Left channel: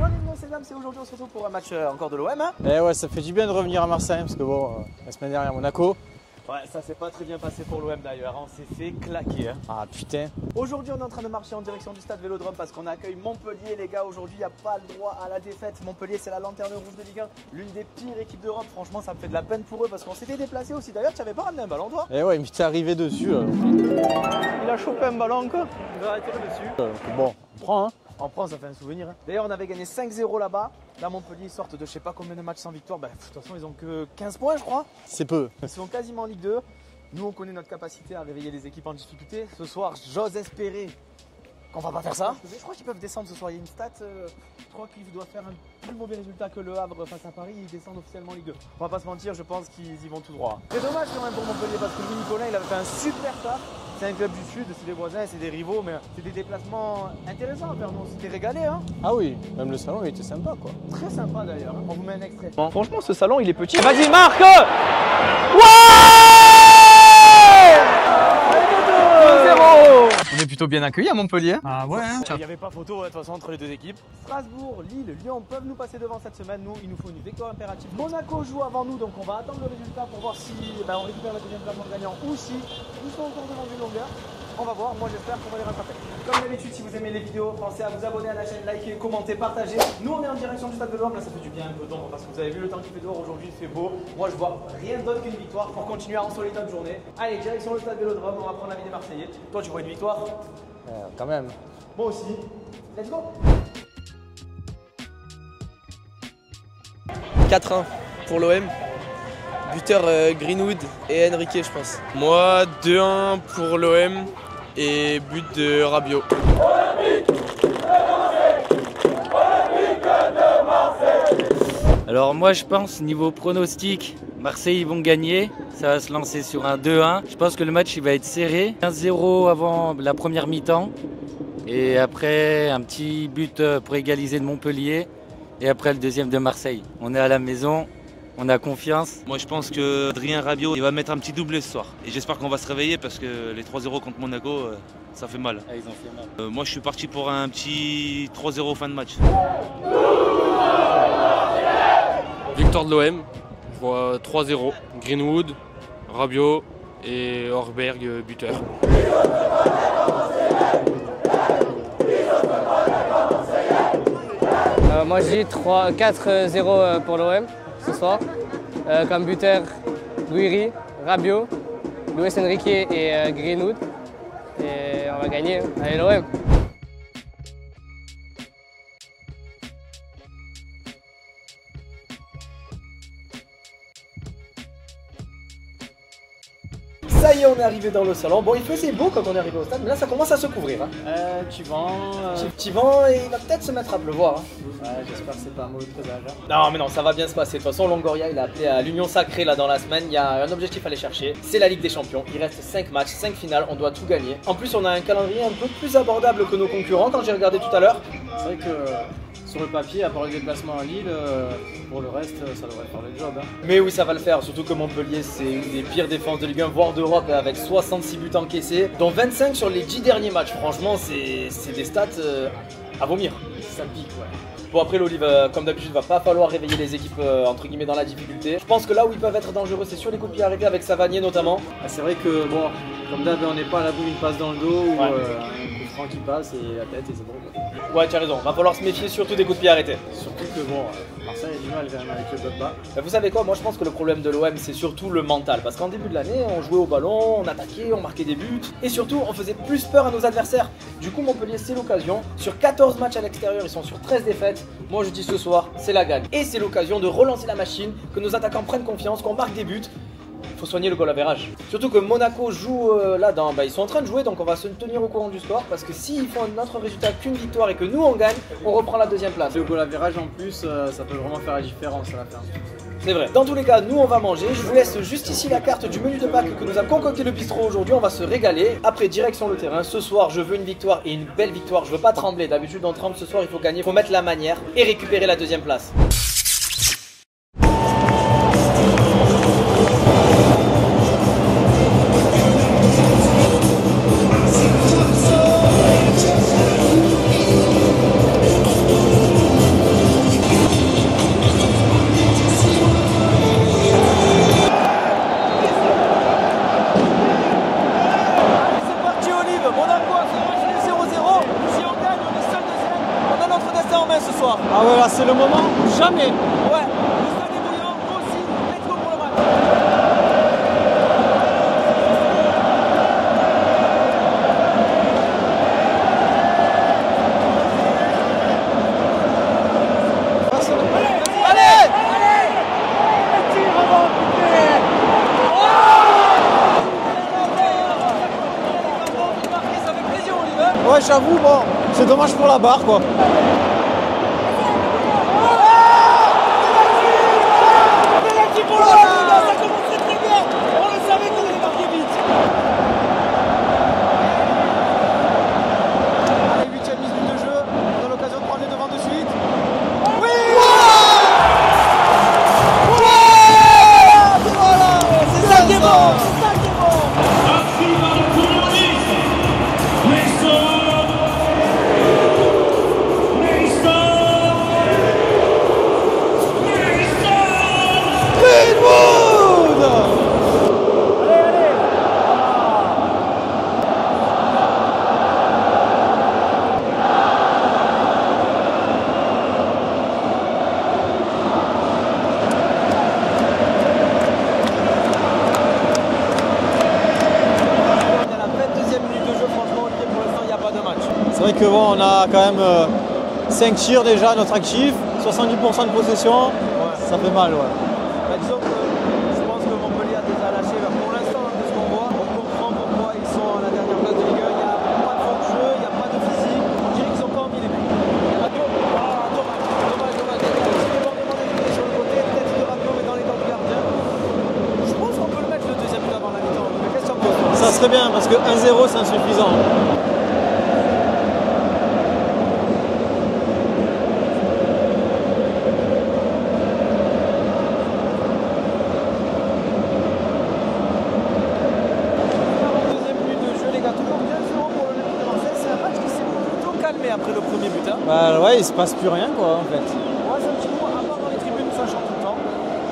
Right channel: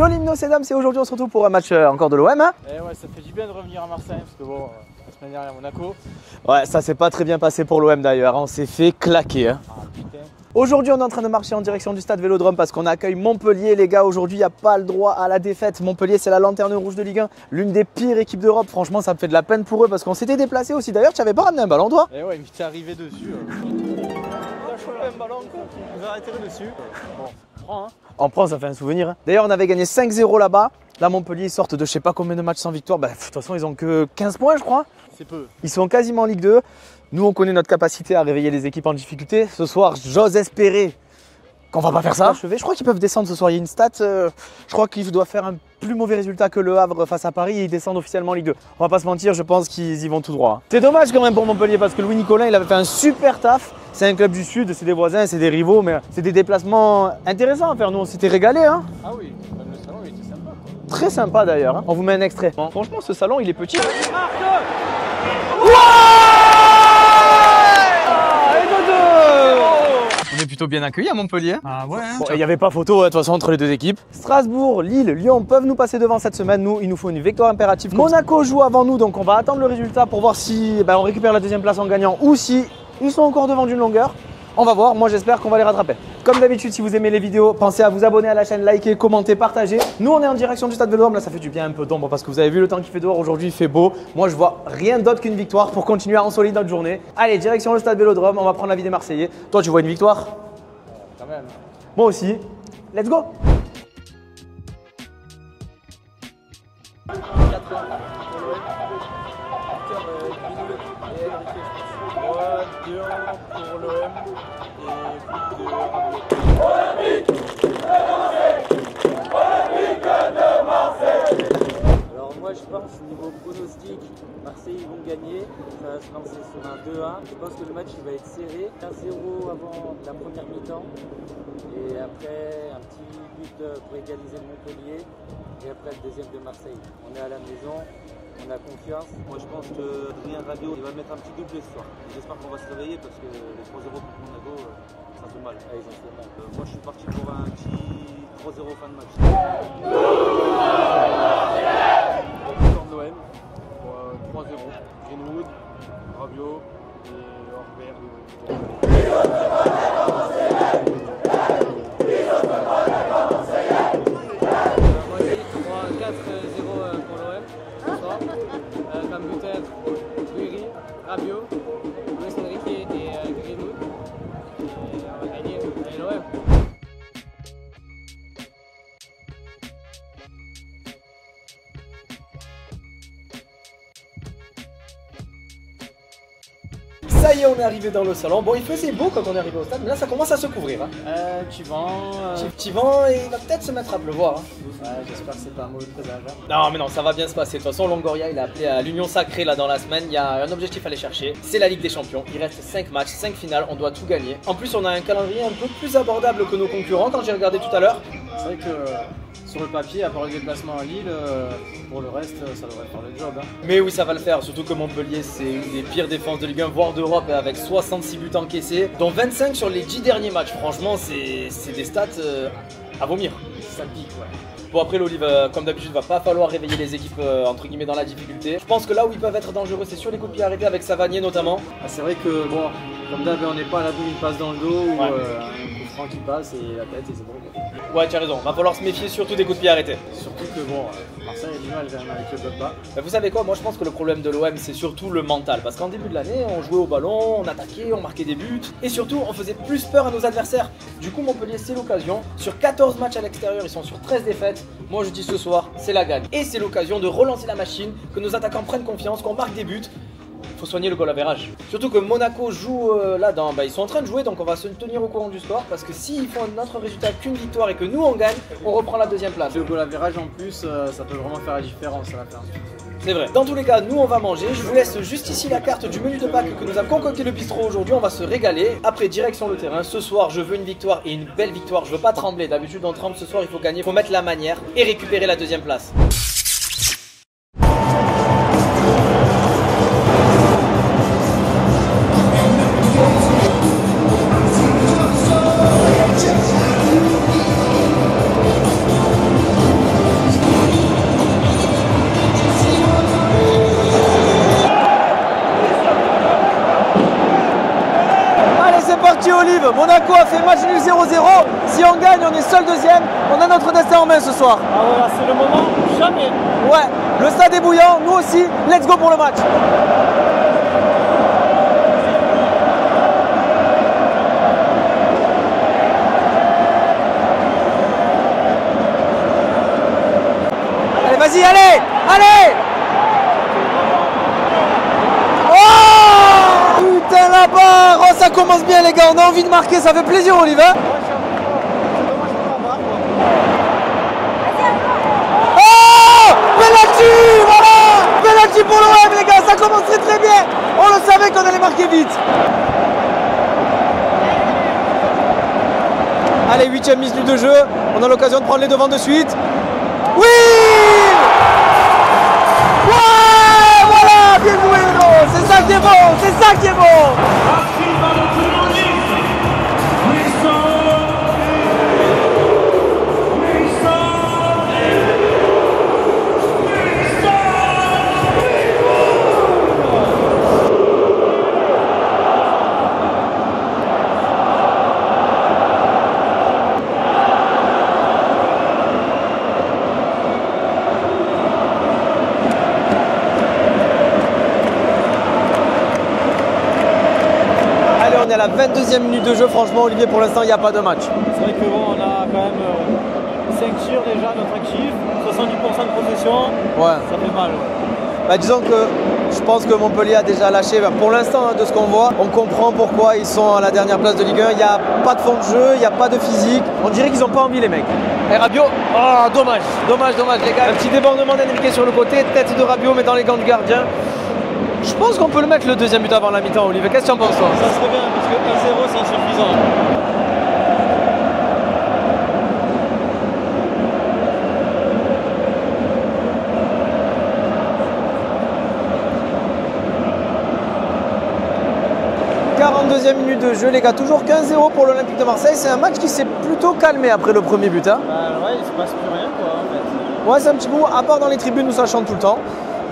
Yo l'hymno c'est dames, c'est aujourd'hui on se retrouve pour un match encore de l'OM. Hein. Et ouais, ça fait du bien de revenir à Marseille parce que bon, la semaine dernière Monaco. Ouais, ça s'est pas très bien passé pour l'OM d'ailleurs, on s'est fait claquer. Hein. Ah putain. Aujourd'hui on est en train de marcher en direction du stade Vélodrome parce qu'on accueille Montpellier les gars. Aujourd'hui il n'y a pas le droit à la défaite. Montpellier c'est la lanterne rouge de Ligue 1, l'une des pires équipes d'Europe. Franchement ça me fait de la peine pour eux parce qu'on s'était déplacé aussi. D'ailleurs tu n'avais pas ramené un ballon toi? Et ouais, il m'était arrivé dessus. Il a chopé un ballon encore. On va arrêter dessus. Bon, on prend hein. On prend, ça fait un souvenir. Hein. D'ailleurs on avait gagné 5-0 là-bas. Là Montpellier ils sortent de je sais pas combien de matchs sans victoire. Bah, de toute façon ils ont que 15 points je crois. C'est peu. Ils sont quasiment en Ligue 2. Nous, on connaît notre capacité à réveiller les équipes en difficulté. Ce soir, j'ose espérer qu'on va pas faire ça. Je crois qu'ils peuvent descendre ce soir. Il y a une stat, je crois qu'ils doivent faire un plus mauvais résultat que Le Havre face à Paris et ils descendent officiellement en Ligue 2. On va pas se mentir, je pense qu'ils y vont tout droit. C'est dommage quand même pour Montpellier parce que Louis Nicolin, il avait fait un super taf. C'est un club du Sud, c'est des voisins, c'est des rivaux, mais c'est des déplacements intéressants à faire. Nous, on s'était régalés. Hein. Ah oui, même le salon, il était sympa quoi. Très sympa d'ailleurs. Hein. On vous met un extrait. Bon, franchement, ce salon, il est petit. Vas-y, Marc! On est plutôt bien accueillis à Montpellier. Ah ouais hein. Il n'y avait pas photo de toute façon entre les deux équipes. Strasbourg, Lille, Lyon peuvent nous passer devant cette semaine. Nous, il nous faut une victoire impérative. Monaco joue avant nous, donc on va attendre le résultat pour voir si on récupère la deuxième place en gagnant ou si ils sont encore devant d'une longueur. On va voir, moi j'espère qu'on va les rattraper. Comme d'habitude, si vous aimez les vidéos, pensez à vous abonner à la chaîne, liker, commenter, partager. Nous on est en direction du stade Vélodrome, là ça fait du bien un peu d'ombre parce que vous avez vu le temps qu'il fait dehors aujourd'hui, il fait beau. Moi je vois rien d'autre qu'une victoire pour continuer à ensoleiller notre journée. Allez, direction le stade Vélodrome, on va prendre l'avis des Marseillais. Toi tu vois une victoire? Quand même. Moi aussi. Let's go! 4-1 pour l'OM. Buteur Greenwood et Enrique, je pense. Moi, 2-1 pour l'OM et but de Rabiot. Alors moi je pense niveau pronostic, Marseille ils vont gagner, ça va se lancer sur un 2-1. Je pense que le match il va être serré, 1-0 avant la première mi-temps et après un petit but pour égaliser de Montpellier et après le deuxième de Marseille. On est à la maison, on a confiance. Moi je pense que Adrien Rabiot il va mettre un petit doublé ce soir. Et j'espère qu'on va se réveiller parce que les 3-0 contre Monaco, ça fait mal. Moi je suis parti pour un petit 3-0 fin de match. Victoire de l'OM, 3-0. Greenwood, Rabiot et Horberg buteur. Moi j'ai dit 4-0 pour l'OM ce soir. Comme buteur, Guiri, Rabiot, Luis Enrique et Greenwood. Et on va gagner. Allez l'OM! Ça y est, on est arrivé dans le salon. Bon, il faisait beau quand on est arrivé au stade, mais là ça commence à se couvrir. Hein. Petit vent et il va peut-être se mettre à pleuvoir. Hein. Ouais, j'espère que c'est pas un mauvais présage. Hein. Non, mais non, ça va bien se passer. De toute façon, Longoria, il a appelé à l'union sacrée là dans la semaine. Il y a un objectif à aller chercher, c'est la Ligue des Champions. Il reste 5 matchs, 5 finales, on doit tout gagner. En plus, on a un calendrier un peu plus abordable que nos concurrents quand j'ai regardé tout à l'heure. C'est vrai que sur le papier, à part le déplacement à Lille, pour le reste, ça devrait faire le job. Hein. Mais oui, ça va le faire, surtout que Montpellier, c'est une des pires défenses de Ligue 1, voire d'Europe, avec 66 buts encaissés, dont 25 sur les 10 derniers matchs. Franchement, c'est des stats à vomir. Ça pique, ouais. Bon après l'Olive, comme d'habitude, va pas falloir réveiller les équipes entre guillemets dans la difficulté. Je pense que là où ils peuvent être dangereux, c'est sur les coups de pied arrêtés avec Savanier notamment. Ah, c'est vrai que bon, comme d'hab, on n'est pas à l'abri d'une passe dans le dos ou Ouais. un coup franc qui passe et la tête et c'est bon. Ouais, tu as raison, va falloir se méfier surtout des coups de pied arrêtés. Surtout que bon, Marseille a du mal quand même avec le bloc bas. Vous savez quoi, moi je pense que le problème de l'OM c'est surtout le mental. Parce qu'en début de l'année, on jouait au ballon, on attaquait, on marquait des buts. Et surtout, on faisait plus peur à nos adversaires. Du coup, Montpellier, c'est l'occasion. Sur 14 matchs à l'extérieur, ils sont sur 13 défaites. Moi je dis ce soir, c'est la gagne. Et c'est l'occasion de relancer la machine, que nos attaquants prennent confiance, qu'on marque des buts. Faut soigner le goal average. Surtout que Monaco joue là-dedans, ils sont en train de jouer, donc on va se tenir au courant du score. Parce que s'ils font notre résultat qu'une victoire et que nous on gagne, on reprend la deuxième place. Le goal average en plus, ça peut vraiment faire la différence à la fin. C'est vrai. Dans tous les cas, nous on va manger. Je vous laisse juste ici la carte du menu de Pâques que nous a concocté le bistrot aujourd'hui. On va se régaler. Après, direction le terrain. Ce soir, je veux une victoire et une belle victoire. Je veux pas trembler. D'habitude, on tremble. Ce soir, il faut gagner. Il faut mettre la manière et récupérer la deuxième place. ce soir. Ah ouais, là c'est le moment, jamais. Ouais, le stade est bouillant, nous aussi, let's go pour le match. Allez, vas-y, allez, allez. Oh putain, la barre. Oh, ça commence bien les gars, on a envie de marquer, ça fait plaisir Olivier. Ouais, j'avoue, bon, c'est dommage pour la barre quoi. Oh, penalty, voilà. Penalty pour l'OM les gars, ça commence très très bien. On le savait qu'on allait marquer vite. Allez, 8e minute de jeu, on a l'occasion de prendre les devants de suite. Oui! Ouais, voilà, bien joué, c'est ça qui est bon, c'est ça qui est bon. À la 22e minute de jeu, franchement Olivier, pour l'instant il n'y a pas de match. C'est vrai que bon, on a quand même 5 tirs déjà à notre actif, 70% de possession, Ouais. ça fait mal. Ouais. Bah, disons que je pense que Montpellier a déjà lâché. Bah, pour l'instant, de ce qu'on voit, on comprend pourquoi ils sont à la dernière place de Ligue 1. Il n'y a pas de fond de jeu, il n'y a pas de physique. On dirait qu'ils n'ont pas envie les mecs. Et Rabiot, oh dommage, dommage les gars. Un petit débordement d'Enrique sur le côté, tête de Rabiot mais dans les gants du gardien. Je pense qu'on peut le mettre le deuxième but avant la mi-temps, Olivier. Qu'est-ce que tu en penses toi? Ça serait bien parce que 1-0 c'est insuffisant. Deuxième minute de jeu, les gars, toujours 15-0 pour l'Olympique de Marseille. C'est un match qui s'est plutôt calmé après le premier but. Hein. Ouais, il se passe plus rien quoi en fait. Ouais, c'est un petit coup, à part dans les tribunes où ça chante tout le temps.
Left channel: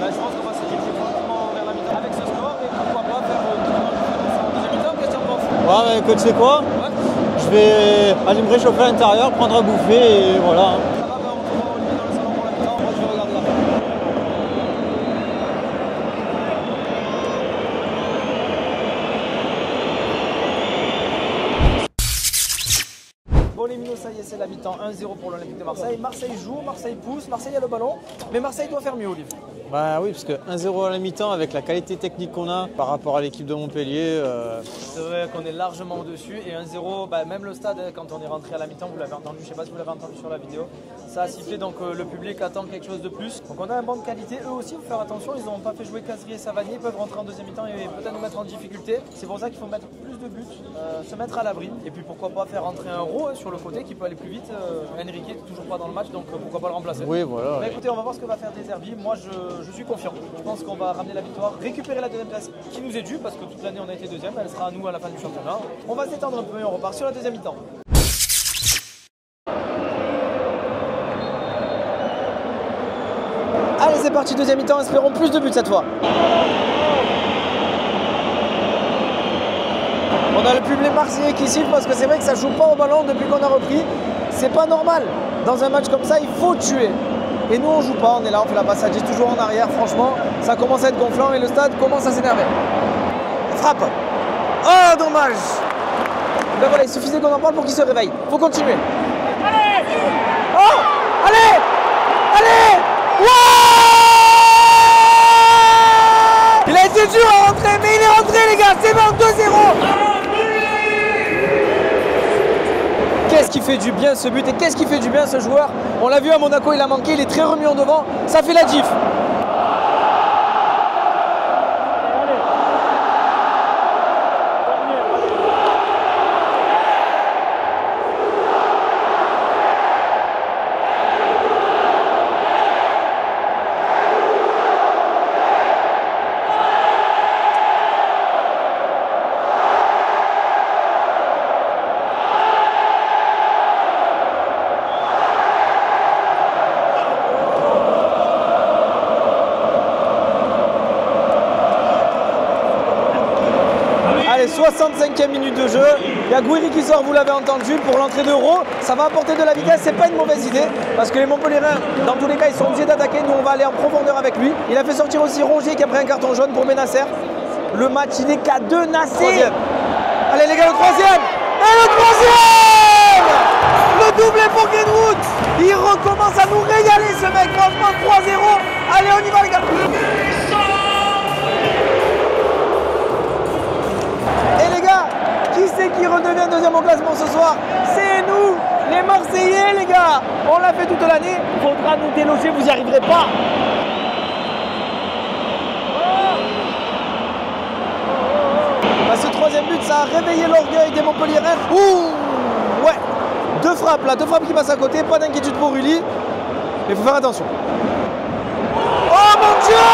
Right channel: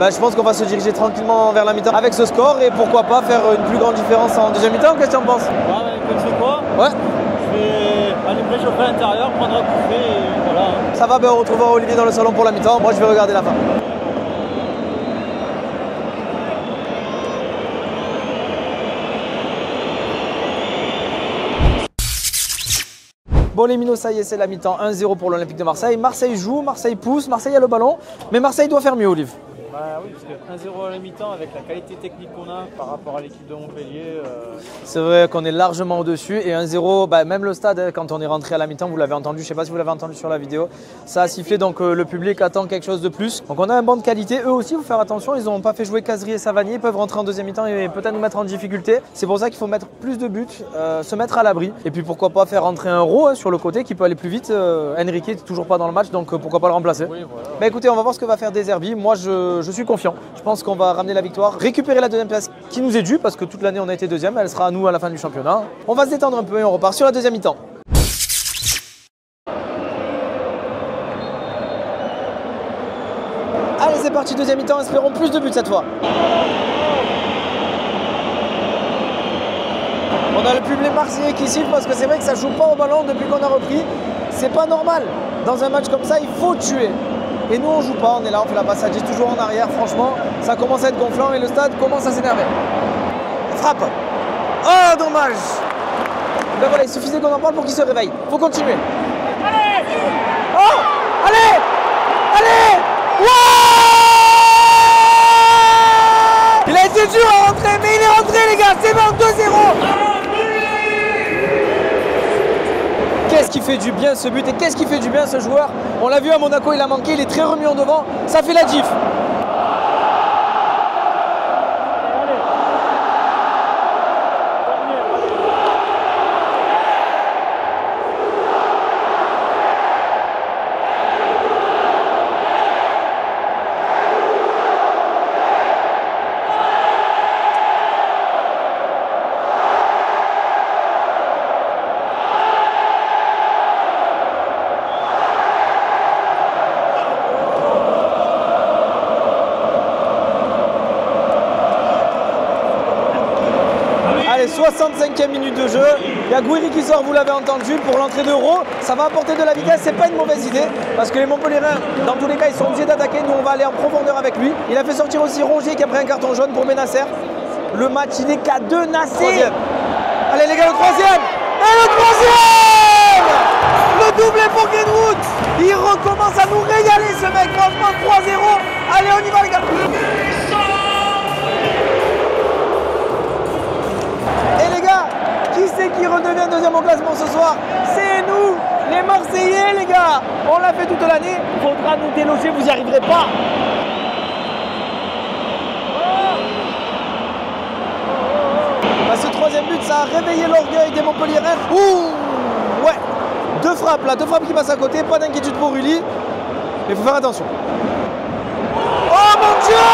Bah, je pense qu'on va se diriger tranquillement vers la mi-temps avec ce score et pourquoi pas faire une plus grande différence en deuxième mi-temps. Qu'est-ce que tu en penses? Ouais, mais écoute, tu sais quoi? Ouais. Je vais aller me réchauffer à l'intérieur, prendre à bouffer et voilà. Ça va, ben on retrouvera Olivier dans le salon pour la mi-temps. Moi, je vais regarder la fin. Bon les minots, ça y est, c'est la mi-temps, 1-0 pour l'Olympique de Marseille. Marseille joue, Marseille pousse, Marseille a le ballon, mais Marseille doit faire mieux, Olive. Bah oui, parce que 1-0 à la mi-temps, avec la qualité technique qu'on a par rapport à l'équipe de Montpellier. C'est vrai qu'on est largement au-dessus et 1-0, bah, même le stade, quand on est rentré à la mi-temps, vous l'avez entendu, je ne sais pas si vous l'avez entendu sur la vidéo, ça a sifflé, donc le public attend quelque chose de plus. Donc on a un banc de qualité, eux aussi, il faut faire attention, ils n'ont pas fait jouer Cazerie et Savanier, ils peuvent rentrer en deuxième mi-temps et peut-être nous mettre en difficulté. C'est pour ça qu'il faut mettre plus de buts, se mettre à l'abri et puis pourquoi pas faire rentrer un Raw sur le côté qui peut aller plus vite. Enrique n'est toujours pas dans le match, donc pourquoi pas le remplacer. Oui, voilà. Mais écoutez, on va voir ce que va faire De Zerbi. Moi, je suis confiant. Je pense qu'on va ramener la victoire, récupérer la deuxième place qui nous est due parce que toute l'année on a été deuxième, elle sera à nous à la fin du championnat. On va se détendre un peu et on repart sur la deuxième mi-temps. Allez, c'est parti, deuxième mi-temps, espérons plus de buts cette fois. On a le public marseillais qui siffle parce que c'est vrai que ça joue pas au ballon depuis qu'on a repris. C'est pas normal. Dans un match comme ça, il faut tuer. Et nous on joue pas, on est là, on fait la passe à 10 toujours en arrière, franchement, ça commence à être gonflant et le stade commence à s'énerver. Frappe. Oh dommage. Ben voilà, il suffisait qu'on en parle pour qu'il se réveille. Faut continuer. Allez. Oh. Allez. Allez. Ouais. Il a été dur à rentrer, mais il est rentré les gars, c'est bon, 2-0. Qu'est-ce qui fait du bien ce but et qu'est-ce qui fait du bien ce joueur? On l'a vu à Monaco, il a manqué, il est très remis en devant, ça fait la diff. 65e minute de jeu. Il y a Gouiri qui sort, vous l'avez entendu, pour l'entrée d'Euro. Ça va apporter de la vitesse, c'est pas une mauvaise idée. Parce que les Montpelliérains, dans tous les cas, ils sont obligés d'attaquer. Nous, on va aller en profondeur avec lui. Il a fait sortir aussi Rongier qui a pris un carton jaune pour Benasser. Le match, il est qu'à 2 Nasser. Allez les gars, le troisième. Et le troisième! Le doublé pour Greenwood. Il recommence à nous régaler ce mec. Franchement, 3-0. Allez, on y va les gars. Et les gars, qui c'est qui redevient deuxième au classement ce soir? C'est nous, les Marseillais les gars. On l'a fait toute l'année. Faudra nous déloger, vous n'y arriverez pas. Bah, ce troisième but, ça a réveillé l'orgueil des Montpelliérains. Ouh, ouais. Deux frappes qui passent à côté. Pas d'inquiétude pour Uli. Mais il faut faire attention. Oh mon Dieu!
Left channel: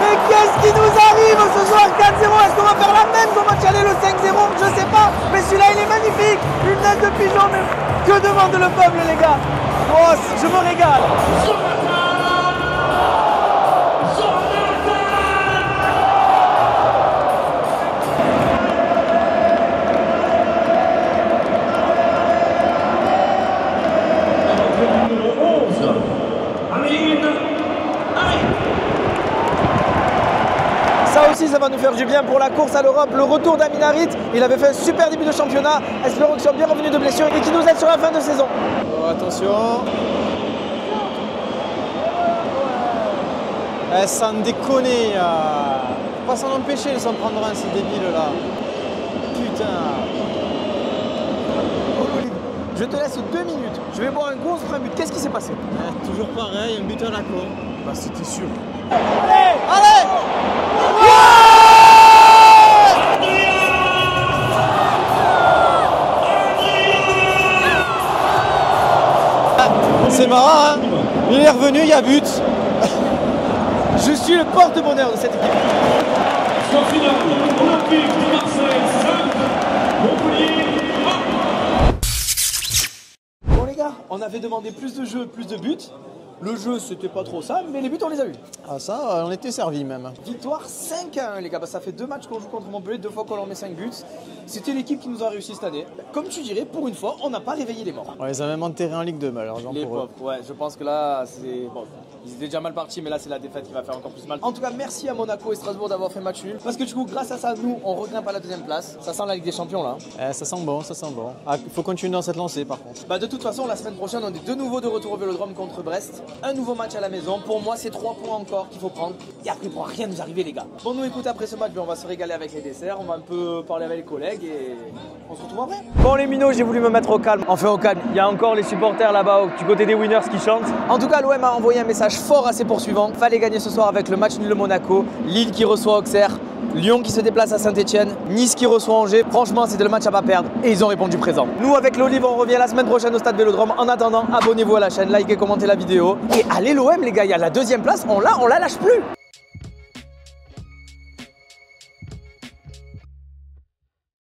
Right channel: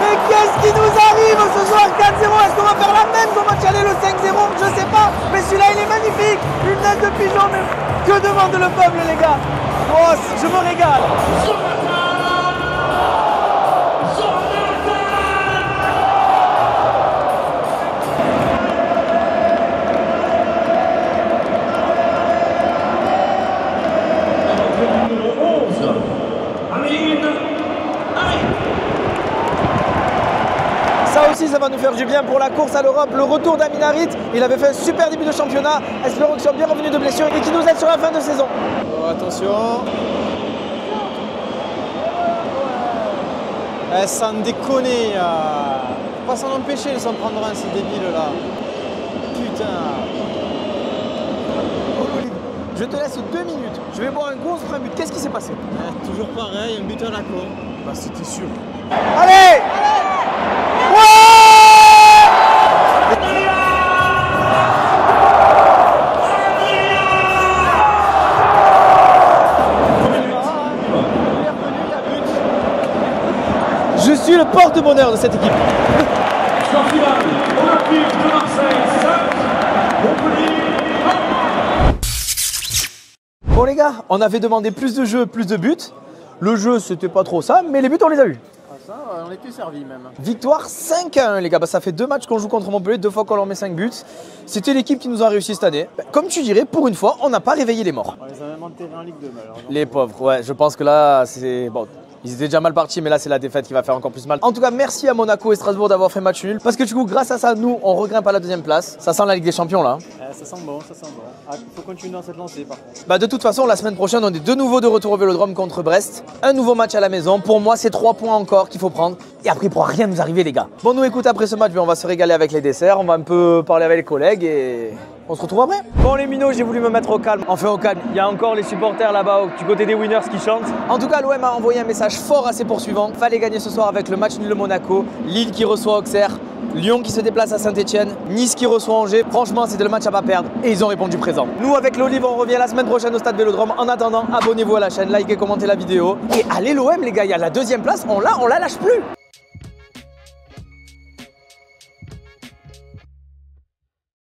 Mais qu'est-ce qui nous arrive ce soir? 4-0, est-ce qu'on va faire la même qu'on va aller le 5-0? Je sais pas, mais celui-là il est magnifique. Une tête de pigeon, mais que demande le peuple les gars? Oh, je me régale. Ça aussi, ça va nous faire du bien pour la course à l'Europe. Le retour d'Amin Harit, il avait fait un super début de championnat. Espérons qu'il soit bien revenu de blessure et qu'il nous aide sur la fin de saison. Oh, attention. Sans déconner. Faut pas s'en empêcher de s'en prendre un, ces débiles là. Putain. Je te laisse 2 minutes. Je vais boire un gros but. Qu'est-ce qui s'est passé? Toujours pareil, un buteur à la con. Bah c'était sûr. Allez! Allez! C'est marrant, hein? Il est revenu, il y a but. Je suis le porte-bonheur de cette équipe. Score final, Olympique de Marseille 5, Montpellier 1. Bon les gars, on avait demandé plus de jeux, plus de buts. Le jeu, c'était pas trop ça, mais les buts, on les a eu. Ah ça, on était servi même. Victoire 5-1 les gars, bah, ça fait 2 matchs qu'on joue contre Montpellier, 2 fois qu'on leur met 5 buts. C'était l'équipe qui nous a réussi cette année. Comme tu dirais, pour une fois, on n'a pas réveillé les morts. Ouais, ils ont même enterré en Ligue 2 malheureusement. Les pauvres, ouais, je pense que là, c'est... Bon, ils étaient déjà mal partis, mais là, c'est la défaite qui va faire encore plus mal. En tout cas, merci à Monaco et Strasbourg d'avoir fait match nul. Parce que du coup, grâce à ça, nous, on regrimpe à la 2e place. Ça sent la Ligue des Champions là. Ça sent bon, ça sent bon. Ah, il faut continuer dans cette lancée par contre. Bah de toute façon, la semaine prochaine, on est de nouveau de retour au Vélodrome contre Brest. Un nouveau match à la maison. Pour moi, c'est 3 points encore qu'il faut prendre. Et après, il ne pourra rien nous arriver, les gars. Bon, nous, écoute, après ce match, on va se régaler avec les desserts. On va un peu parler avec les collègues et on se retrouve après. Bon, les minots, j'ai voulu me mettre au calme. Enfin, au calme. Il y a encore les supporters là-bas du côté des winners qui chantent. En tout cas, l'OM a envoyé un message fort à ses poursuivants. Fallait gagner ce soir avec le match nul de Monaco. Lille qui reçoit Auxerre. Lyon qui se déplace à Saint-Etienne, Nice qui reçoit Angers. Franchement, c'était le match à pas perdre et ils ont répondu présent. Nous, avec l'Olive, on revient la semaine prochaine au Stade Vélodrome. En attendant, abonnez-vous à la chaîne, likez, commentez la vidéo. Et allez l'OM les gars, il y a la 2e place, on la lâche plus.